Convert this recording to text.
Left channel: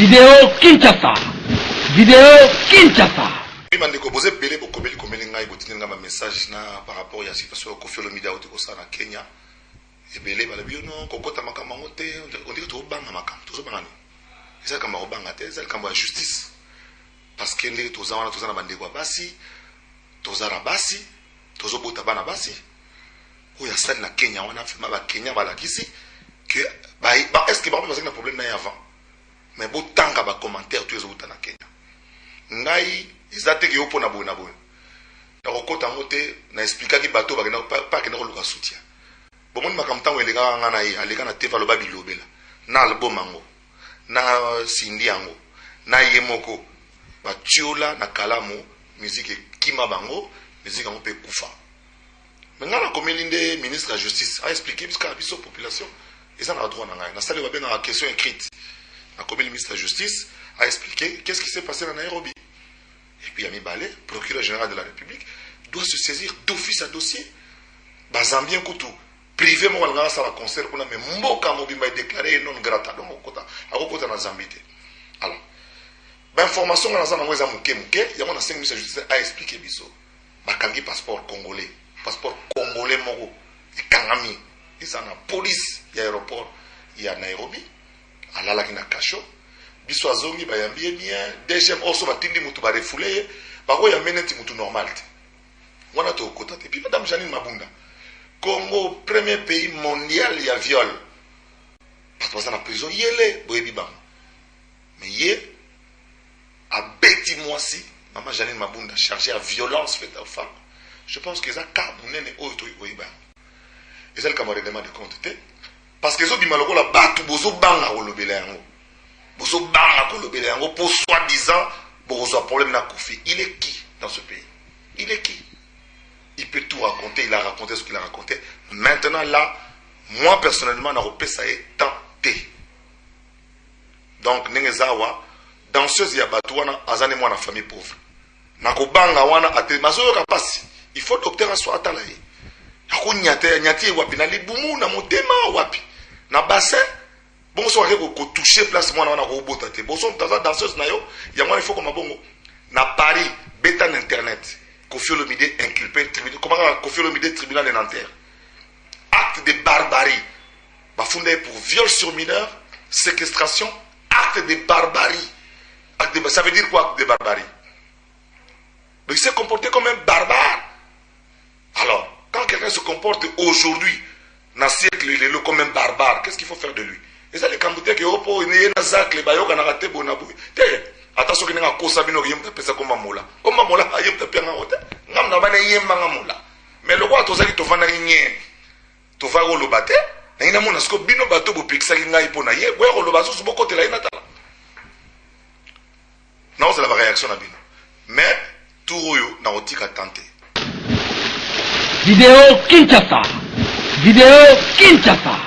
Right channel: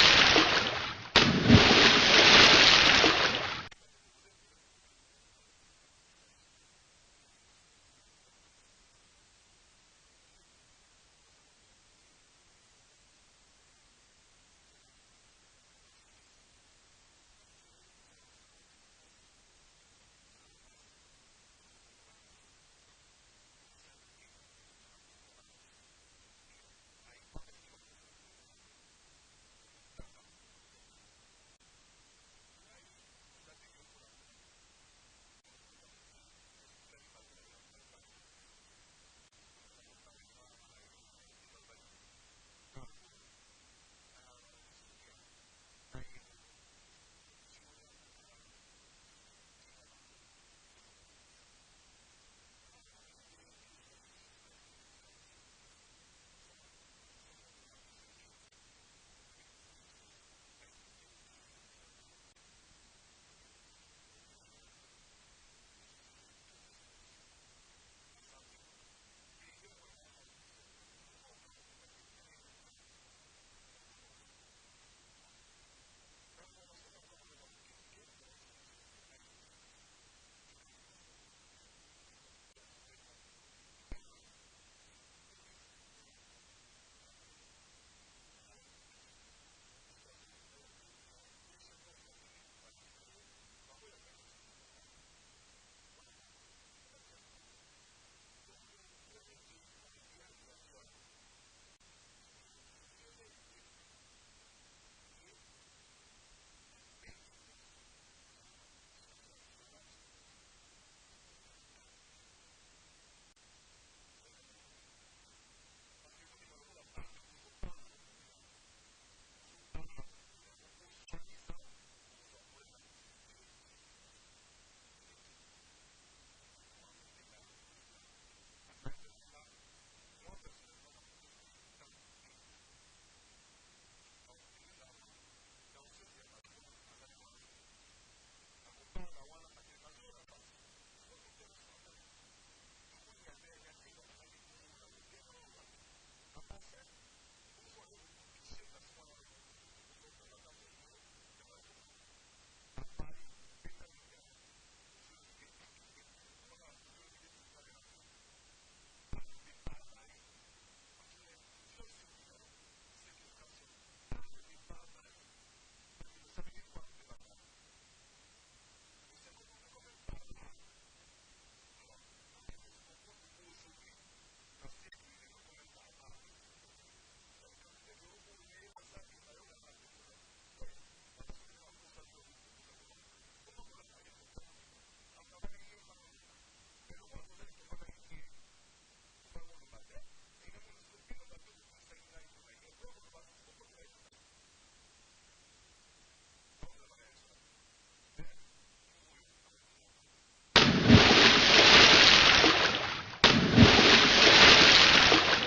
Vidéo Kinshasa. Vidéo Kinshasa. Bandeko boze belé bokobeli komeli ngai botinga ma message na par rapport ya situation Koffi Olomide auti ko sana Kenya. Ebele bala biono kokota makama ngote on dit to banga makama to banga ni. Eza kama obanga te eza kama justice. Parce que les tozana tozana bandeko basi tozara basi tozobota bana basi. Oya sali na Kenya wana fema ba Kenya bala kisi que ba est-ce que ba parce que na problème na avant. Mais beau tanga ba commentaire tu ezobota na Kenya. Ngai izate ki opo na boye na boye. Na kokota ngote na expliquer ki bato ba pas que na koluka soutien. Bon mon makamtango elega ngana ye aleka na teva loba bilobela. Na album ango. Na sindi ango. Na yemoko ba tiola na kalamu musique kima bango, musique ango pe kufa. Mais ngana komelinde ministre de la justice a expliqué parce que biso population ils en a droit na ngai. Na sale ba bien na question écrite. Na commis le ministre de la justice a expliqué qu'est-ce qui s'est passé dans Nairobi. Et puis Yami Balé, procureur général de la République, doit se saisir d'office à dossier. Bazambien Koutou, privé mon algara ça la concert qu'on a mais mboka mobimba déclaré non grata donc au côté na Zambité. Alors, ben information na zana mweza muke ya mona 5 ministre de justice a expliqué biso. Bakangi passeport congolais moko et kangami. Ils en a police ya aéroport ya Nairobi. Alala kina kasho. Biso azongi bayambie bien deuxième oso batindi mutu ba refoulé ba ko ya meneti mutu normal te wana to kota te puis madame Janine Mabunda Congo premier pays mondial ya viol parce que ça na prison yele boyebi bam mais yé a beti moisi maman Janine Mabunda chargée à violence faite aux femmes je pense que ça ka munene oto boyeba et ça le camarade de compte te parce que zo bimaloko la batu bozo banga kolobela yango bozo banga kolobela yango pour soi-disant bozo a problème na Koffi. Il est qui dans ce pays? Il est qui? Il peut tout raconter, il a raconté ce qu'il a raconté. Maintenant là, moi personnellement na repé ça est tenté. Donc nengezawa danseuse ya batu wana azane mwana famille pauvre. Na ko banga wana ate mazoyo kapasi. Il faut docteur soit atala ye. Ako nyati wapi na libumu na motema wapi. Na bassin bon so ko toucher place mwana wana ko bota te. Bon so danseuse na yo, ya mwana il faut comme bongo. Na Paris, bêta internet. Koffi Olomide inculpé tribunal. Comment Koffi Olomide tribunal de Nanterre. Acte de barbarie. Bafundé pour viol sur mineur, séquestration, acte de barbarie. Ça veut dire quoi acte de barbarie? Mais il s'est comporté comme un barbare. Alors, quand quelqu'un se comporte aujourd'hui, dans le siècle, il est comme un barbare, qu'est-ce qu'il faut faire de lui? Et ça, les Cambodgiens qui ont un zac, les bayoks, on a raté bonabou. Attention, qu'il y a un cause à bino, il y a un peu comme Mamola. Comme Mamola, il y a un peu de hotel. Nam n'a pas de Mamola. Mais le roi, tu as dit, tu vas n'a rien. Tu vas au lobate. Il y a un monasco, bino bateau, pour pixel, il y a un peu naïe. Ouais, au lobazo, c'est beaucoup de la inatala. Non, c'est la réaction à bino. Mais, tout royo, n'a pas qu'à tenter. Vidéo Kinshasa. Vidéo Kinshasa.